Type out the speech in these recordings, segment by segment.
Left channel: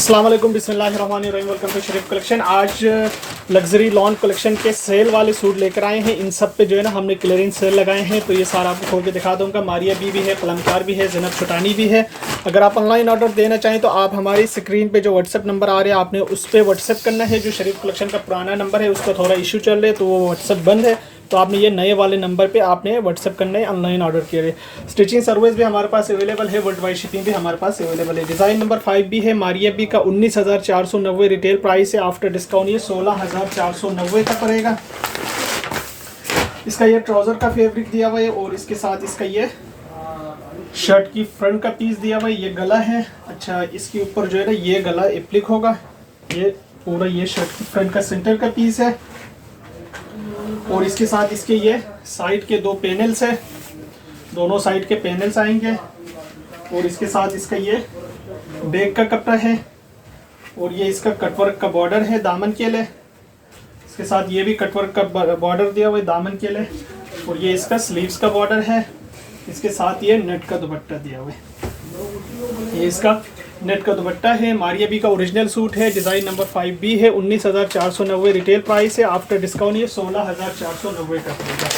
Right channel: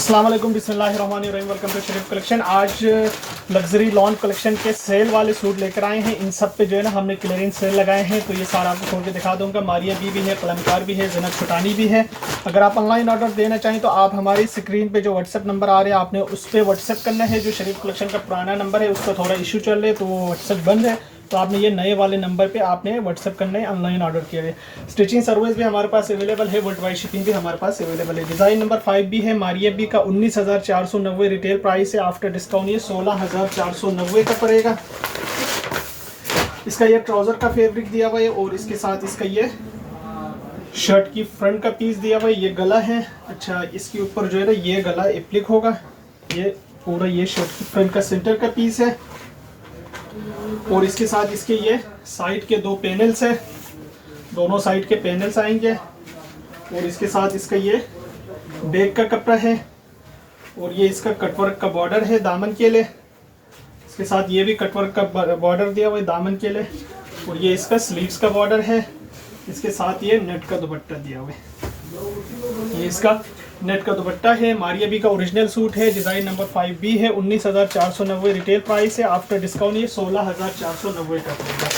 अस्सलाम वालेकुम, बिस्मिल्लाहिर्रहमानिर्रहीम। Welcome to Sharif collection. आज लग्जरी लॉन कलेक्शन के सेल वाले सूट लेकर आए हैं। इन सब पे जो है ना हमने क्लियरेंस सेल लगाए हैं, तो ये सारा आपको खोल के दिखा दूंगा। मारिया बी भी है, कलमकार भी है, ज़ैनब छुटानी भी है। अगर आप ऑनलाइन ऑर्डर देना चाहें तो आप हमारी स्क्रीन पे जो व्हाट्सअप नंबर आ रहे हैं आपने उस पर व्हाट्सअप करना है। जो शरीफ कलेक्शन का पुराना नंबर है उसका थोड़ा इशू चल रहा है तो वो व्हाट्सअप बंद है, तो आपने ये नए वाले नंबर पे आपने व्हाट्सअप करना है ऑनलाइन ऑर्डर के लिए। स्टिचिंग सर्विस भी हमारे पास अवेलेबल है, वर्ल्ड वाइड शिपिंग भी हमारे पास अवेलेबल है। डिज़ाइन नंबर 5 भी है। मारिया बी का 19,490 रिटेल प्राइस है। आफ्टर डिस्काउंट ये 16,490 का पड़ेगा। इसका ये ट्राउज़र का फैब्रिक दिया हुआ है और इसके साथ इसका ये शर्ट की फ्रंट का पीस दिया हुआ है। ये गला है। अच्छा, इसके ऊपर जो है ना ये गला एप्लिक होगा। ये पूरा ये शर्ट की फ्रंट का सेंटर का पीस है और इसके साथ इसके ये साइड के दो पैनल्स है, दोनों साइड के पैनल्स आएंगे और इसके साथ इसका ये बैक का कपड़ा है और ये इसका कटवर्क का बॉर्डर है दामन के लिए। इसके साथ ये भी कटवर्क का बॉर्डर दिया हुआ है दामन के लिए और ये इसका स्लीव्स का बॉर्डर है। इसके साथ ये नेट का दुपट्टा दिया हुआ है। ये इसका नेट का दुपट्टा है। मारिया बी का ओरिजिनल सूट है। डिज़ाइन नंबर 5 भी है। 19,490 रिटेल प्राइस है। आफ्टर डिस्काउंट ये 16,490 का पड़ेगा।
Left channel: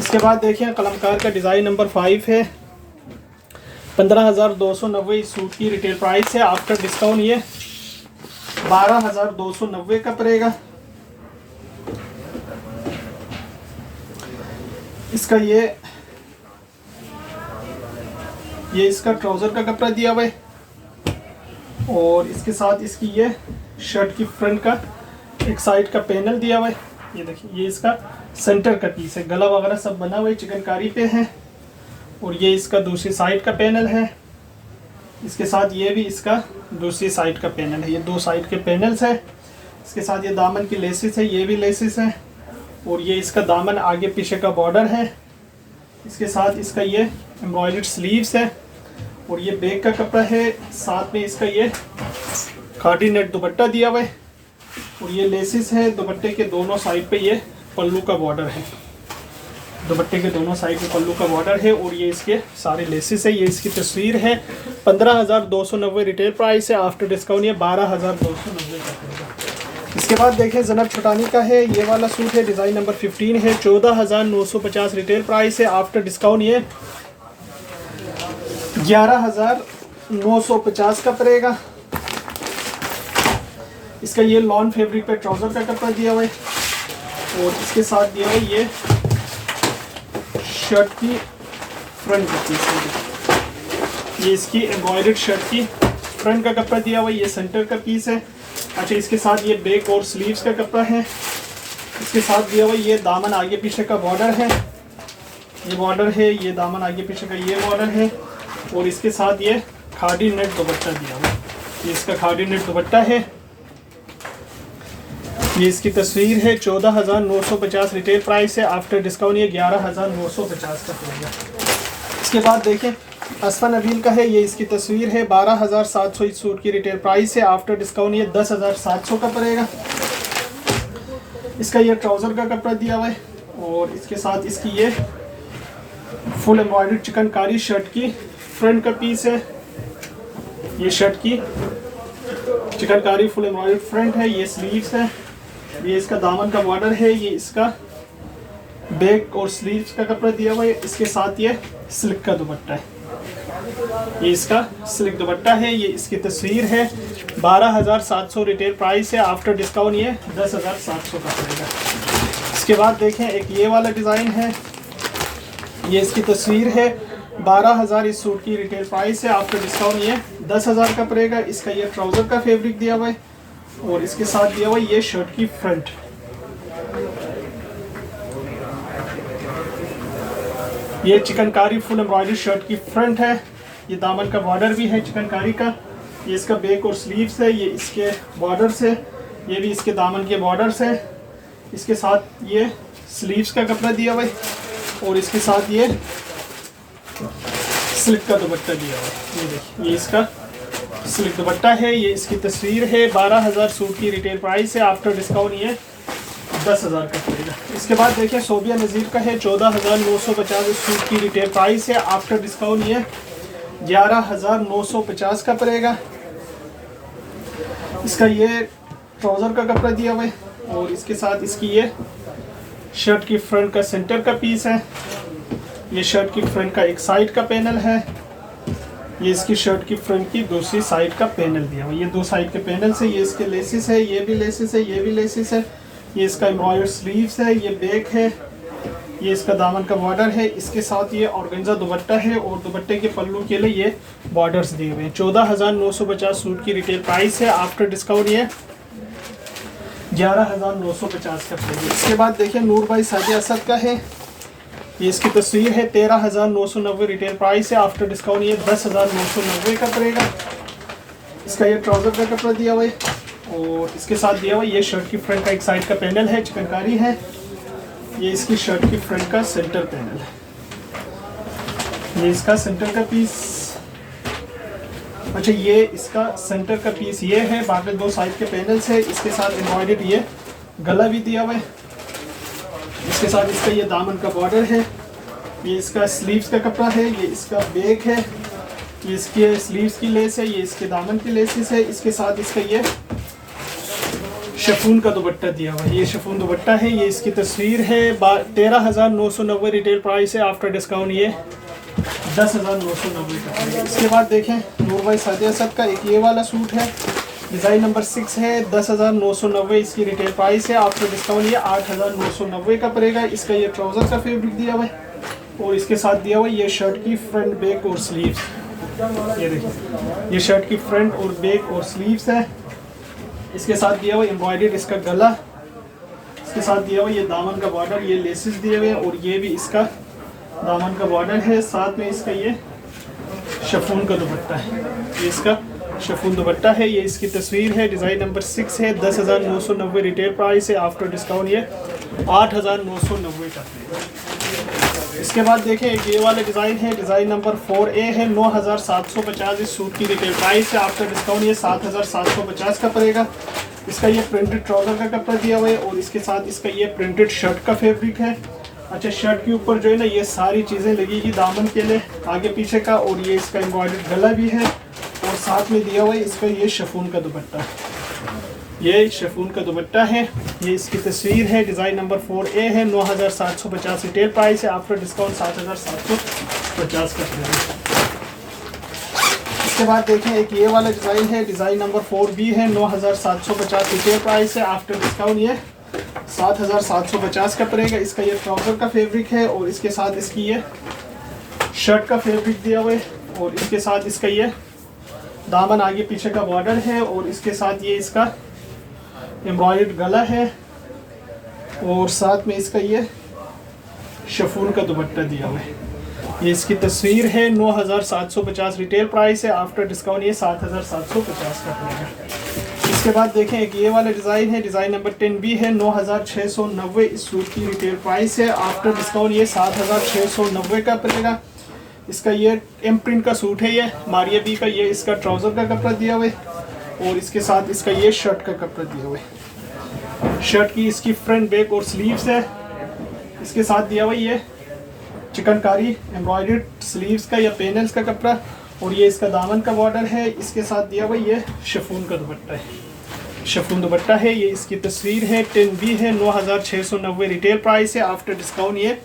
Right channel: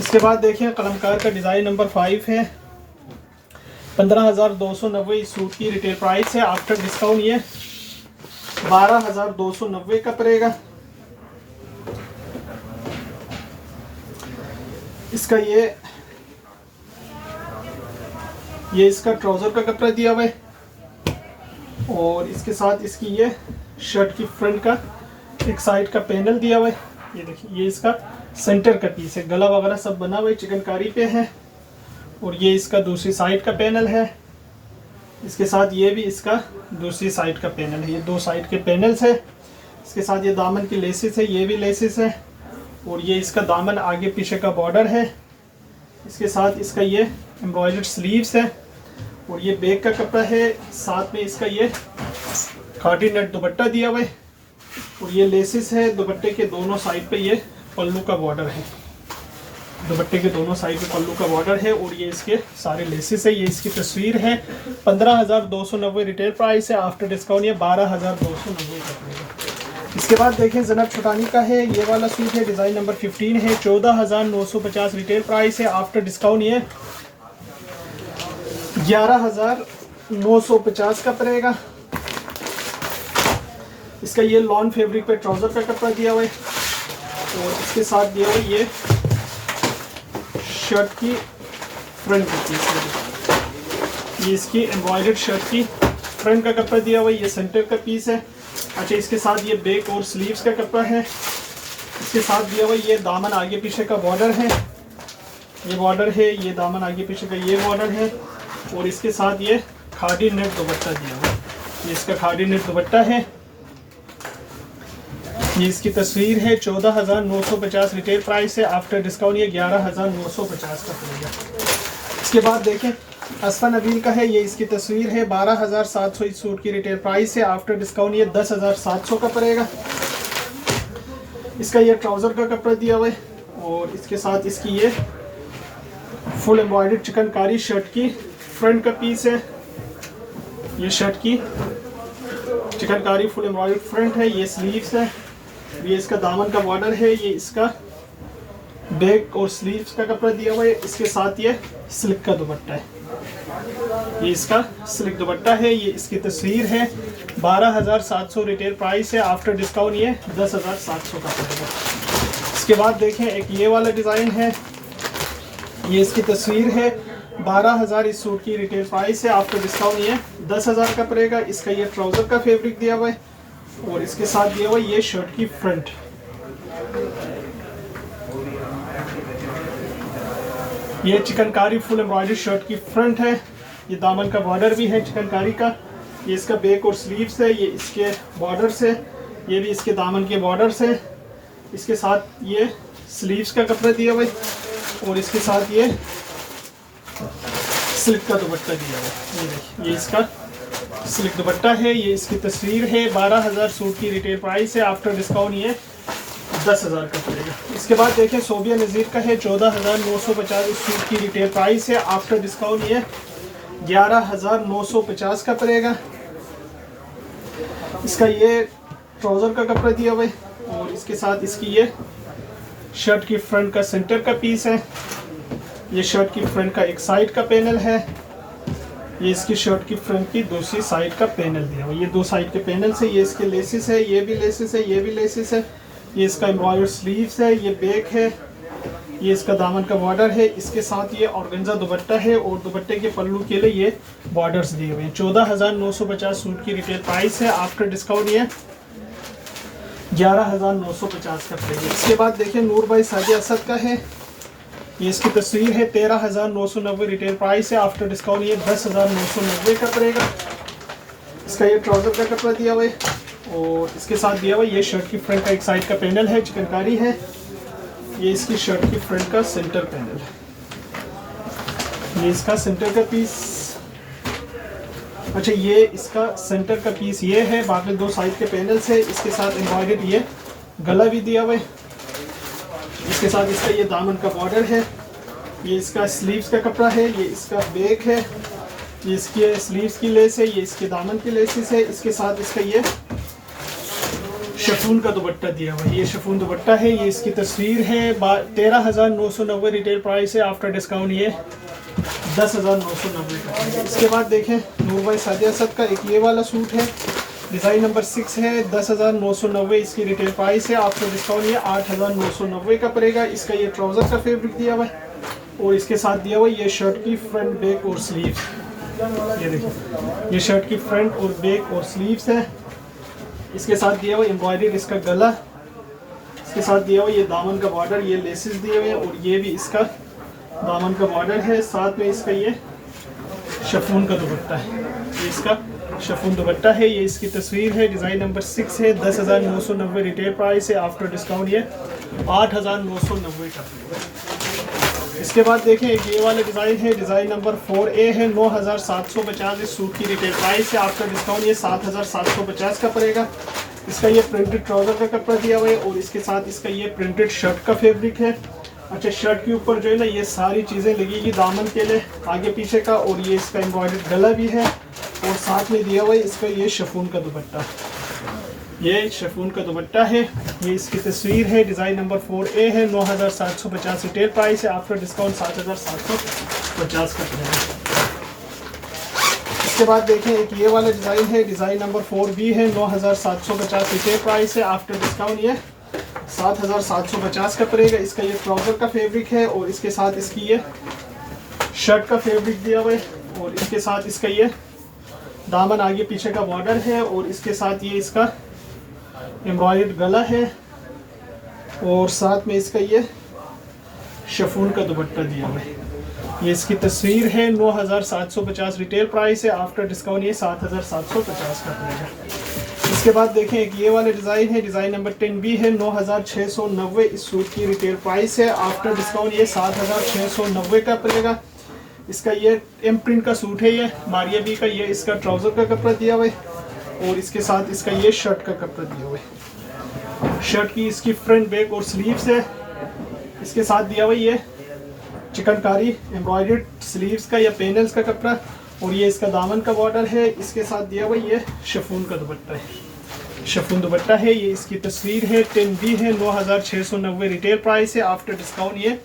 इसके बाद देखें कलमकार का डिज़ाइन नंबर 5 है। 15,290 इस सूट की रिटेल प्राइस है। आफ्टर डिस्काउंट ये 12,290 का पड़ेगा। इसका ये इसका ट्राउज़र का कपड़ा दिया हुआ है और इसके साथ इसकी ये शर्ट की फ्रंट का एक साइड का पैनल दिया हुआ है। ये देखिए, ये इसका सेंटर का पीस है। गला वगैरह सब बना हुआ है, चिकनकारी पे है और ये इसका दूसरी साइड का पैनल है। इसके साथ ये भी इसका दूसरी साइड का पैनल है। ये दो साइड के पैनल्स है। इसके साथ ये दामन की लेसिस है, ये भी लेसिस है और ये इसका दामन आगे पीछे का बॉर्डर है। इसके साथ इसका ये एम्ब्रॉयडर्ड स्लीव्स है और ये बैक का कपड़ा है। साथ में इसका ये खादी नेट दुपट्टा दिया हुआ है और ये लेसिस है। दुपट्टे के दोनों साइड पे ये पल्लू का बॉर्डर है। दुपट्टे के दोनों साइड पे पल्लू का बॉर्डर है और ये इसके सारे लेसिस है। ये इसकी तस्वीर है। 15,290 रिटेल प्राइस है। आफ्टर डिस्काउंट ये 12,290 का पड़ेगा। इसके बाद देखें ज़ैनब छुटानी का है। ये वाला सूट है। डिज़ाइन नंबर 15 है। 14,950 रिटेल प्राइस है। आफ्टर डिस्काउंट ये 11,950 का पड़ेगा। इसका ये लॉन फैब्रिक पे ट्राउज़र का कपड़ा दिया हुआ है और इसके साथ दिया हुआ है ये शर्ट की फ्रंट का पीस। ये इसकी एम्ब्रॉयडर्ड शर्ट की फ्रंट का कपड़ा दिया हुआ है। ये सेंटर का पीस है। अच्छा, इसके साथ ये बैक और स्लीव्स का कपड़ा है। इसके साथ दिया हुआ ये दामन आगे पीछे का बॉर्डर है। ये बॉर्डर है, ये दामन आगे पीछे का ये बॉर्डर है और इसके साथ ये खादी नेट दुपट्टा दिया हुआ है। ये इसका खादी नेट दुपट्टा है। ये इसकी तस्वीर है। 14,950 रिटेल प्राइस है। आफ्टर डिस्काउंट ये 11,950 का पड़ेगा। इसके बाद देखें अस्फा नबील का है। ये इसकी तस्वीर है। 12,700 इस सूट की रिटेल प्राइस है। आफ्टर डिस्काउंट ये 10,700 का पड़ेगा। इसका ये ट्राउज़र का कपड़ा दिया हुआ है और इसके साथ इसकी ये फुल एम्ब्रॉयडर्ड चिकनकारी शर्ट की फ्रंट का पीस है। ये शर्ट की चिकनकारी फुल एम्ब्रॉयडर्ड फ्रंट है। ये स्लीव्स है। ये इसका दामन का बॉर्डर है। ये इसका बैक और स्लीव्स का कपड़ा दिया हुआ है। इसके साथ ये सिल्क का दुपट्टा है। ये इसका सिल्क दुपट्टा है। ये इसकी तस्वीर है। 12,700 रिटेल प्राइस है। आफ्टर डिस्काउंट ये 10,700 का पड़ेगा। इसके बाद देखें एक ये वाला डिज़ाइन है। ये इसकी तस्वीर है। 12,000 इस सूट की रिटेल प्राइस है। आफ्टर डिस्काउंट ये 10,000 का पड़ेगा। इसका ये ट्राउज़र का फैब्रिक दिया हुआ है और इसके साथ दिया हुआ ये शर्ट की फ्रंट। ये चिकनकारी फुल एम्ब्रॉयडरी शर्ट की फ्रंट है। ये दामन का बॉर्डर भी है चिकनकारी का। ये इसका बैक और स्लीव्स है। ये इसके बॉर्डर से, ये भी इसके दामन के बॉर्डर से। इसके साथ ये स्लीव्स का कपड़ा दिया हुआ है और इसके साथ ये सिल्क का दुपट्टा दिया हुआ है। ये देखिए, ये इसका सिल्क दुपट्टा है। ये इसकी तस्वीर है। 12,000 सूट की रिटेल प्राइस है। आफ्टर डिस्काउंट ये 10,000 का पड़ेगा। इसके बाद देखें सोबिया नज़ीर का है। 14,950 इस सूट की रिटेल प्राइस है। आफ्टर डिस्काउंट ये 11,950 का पड़ेगा। इसका ये ट्राउज़र का कपड़ा दिया हुआ है और इसके साथ इसकी ये शर्ट की फ्रंट का सेंटर का पीस है। ये शर्ट की फ्रंट का एक साइड का पैनल है। ये इसकी शर्ट की फ्रंट की दूसरी साइड का पैनल दिया हुआ है। ये दो साइड के पैनल से ये इसके लेसिस है, ये भी लेसिस है, ये भी लेसिस है। ये इसका एम्ब्रॉयडर्ड स्लीव्स है, ये बैक है, ये इसका दामन का बॉर्डर है। इसके साथ ये ऑर्गेन्जा दुपट्टा है और दुपट्टे के पल्लू के लिए ये बॉर्डर्स दिए हुए हैं। 14,950 सूट की रिटेल प्राइस है। आफ्टर डिस्काउंट ये 11,950 का पड़ेगा। इसके बाद देखिए नूर भाई साजिद असद का है। ये इसकी तस्वीर है, 13,990 रिटेल प्राइस है। आफ्टर डिस्काउंट ये 10,990 का पड़ेगा। इसका ये ट्राउज़र का कपड़ा दिया हुआ है और इसके साथ दिया हुआ ये शर्ट की फ्रंट का एक साइड का पैनल है, चिकनकारी है। ये इसकी शर्ट की फ्रंट का सेंटर पैनल है। ये इसका सेंटर का पीस, अच्छा ये इसका सेंटर का पीस ये है, बाकी दो साइड के पैनल्स है। इसके साथ एम्ब्रॉयडर्ड ये गला भी दिया हुआ है। इसके साथ इसका ये दामन का बॉर्डर है। ये इसका स्लीव्स का कपड़ा है, ये इसका बैक है, ये इसके स्लीव्स की लेस है, ये इसके दामन की लेसेस है। इसके साथ इसका ये शिफॉन का दुपट्टा दिया हुआ है। ये शिफॉन दुपट्टा है। ये इसकी तस्वीर है, 13,990 रिटेल प्राइस है। आफ्टर डिस्काउंट ये 10,990 का पड़ेगा। इसके बाद देखें नूर भाई साजिद असद का एक ये वाला सूट है, डिज़ाइन नंबर 6 है, 10,990 इसकी रिटेल प्राइस है। आफ्टर डिस्काउंट ये 8,990 का पड़ेगा। इसका ये ट्राउज़र का फैब्रिक दिया हुआ है और इसके साथ दिया हुआ है ये शर्ट की फ्रंट, बैक और स्लीव्स। ये देखिए ये शर्ट की फ्रंट और बैक और स्लीव्स है। इसके साथ दिया हुआ एम्ब्रॉयडर्ड इसका गला। इसके साथ दिया हुआ ये दामन का बॉर्डर, ये लेसेस दिए हुए हैं और ये भी इसका दामन का बॉर्डर है। साथ में इसका ये शिफॉन का दुपट्टा है, ये इसका शिफॉन दुपट्टा है। ये इसकी तस्वीर है, डिज़ाइन नंबर 6 है, 10,990 रिटेल प्राइस है। आफ्टर डिस्काउंट ये 8,990 का। इसके बाद देखें एक ये वाला डिज़ाइन है, डिज़ाइन नंबर 4A है, 9,750 इस सूट की रिटेल प्राइस है। आफ्टर डिस्काउंट ये 7,750 का पड़ेगा। इसका ये प्रिंटेड ट्राउज़र का कपड़ा दिया हुआ है और इसके साथ इसका ये प्रिंटेड शर्ट का फैब्रिक है। अच्छा शर्ट के ऊपर जो है ना ये सारी चीज़ें लगेगी दामन के लिए आगे पीछे का, और ये इसका एम्ब्रॉयडर्ड गला भी है और साथ में दिया हुआ है इसका ये शिफॉन का दुपट्टा। ये शिफॉन का दुपट्टा है। ये इसकी तस्वीर है, डिज़ाइन नंबर 4A है, 9,750 रिटेल प्राइस है। आफ्टर डिस्काउंट 7,750 का पड़ेगा। इसके बाद देखें एक ये वाला डिज़ाइन है, डिज़ाइन नंबर 4B है, 9,750 रिटेल प्राइस है। आफ्टर डिस्काउंट ये 7,750 का पड़ेगा। इसका ये ट्राउज़र का फैब्रिक है और इसके साथ इसकी ये शर्ट का फैब्रिक दिया हुआ है और इसके साथ इसका ये दामन आगे पीछे का बॉर्डर है और इसके साथ ये इसका एम्ब्रॉयडर्ड गला है और साथ में इसका ये शिफॉन का दुपट्टा दिया हुआ है। ये इसकी तस्वीर है, 9,750 रिटेल प्राइस है। आफ्टर डिस्काउंट ये 7,750 का पड़ेगा। इसके बाद देखें एक ये वाला डिज़ाइन है, डिज़ाइन नंबर 10B है, 9,690 इस सूट की रिटेल प्राइस है। आफ्टर डिस्काउंट ये 7,690 का पड़ेगा। इसका ये इम्प्रिंट का सूट है, ये मारिया बी का। ये इसका ट्राउज़र का कपड़ा दिया हुआ है और इसके साथ इसका ये शर्ट का कपड़ा दिया हुआ है। शर्ट की इसकी फ्रंट, बैक और स्लीव्स है। इसके साथ दिया हुआ ये चिकनकारी एम्ब्रॉयडर्ड स्लीव्स का या पैनल्स का कपड़ा और ये इसका दामन का बॉर्डर है। इसके साथ दिया हुआ ये शिफॉन का दुपट्टा है, शिफॉन दुपट्टा है। ये इसकी तस्वीर है, 10B है, 9,690 रिटेल प्राइस है। आफ्टर डिस्काउंट ये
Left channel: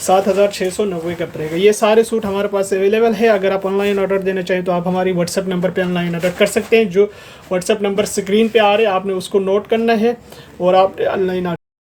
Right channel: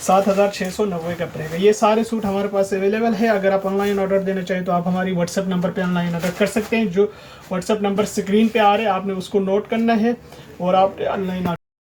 7,690 का पड़ेगा। ये सारे सूट हमारे पास अवेलेबल है। अगर आप ऑनलाइन ऑर्डर देना चाहें तो आप हमारी व्हाट्सएप नंबर पे ऑनलाइन ऑर्डर कर सकते हैं। जो व्हाट्सएप नंबर स्क्रीन पे आ रहे हैं आपने उसको नोट करना है और आप ऑनलाइन